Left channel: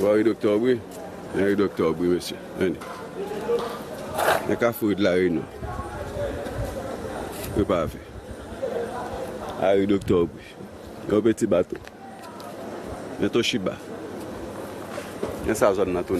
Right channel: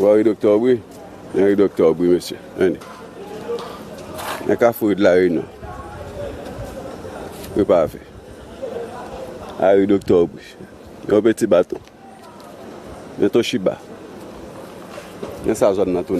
Oui, docteur Aubry. Oui, docteur Aubry, monsieur. Il y a qu'à faire de la réunion. Je ne peux pas faire. Ah oui, docteur Aubry. Il y a un petit bateau. Il y a un chiba. Il y a sa zone dans tout.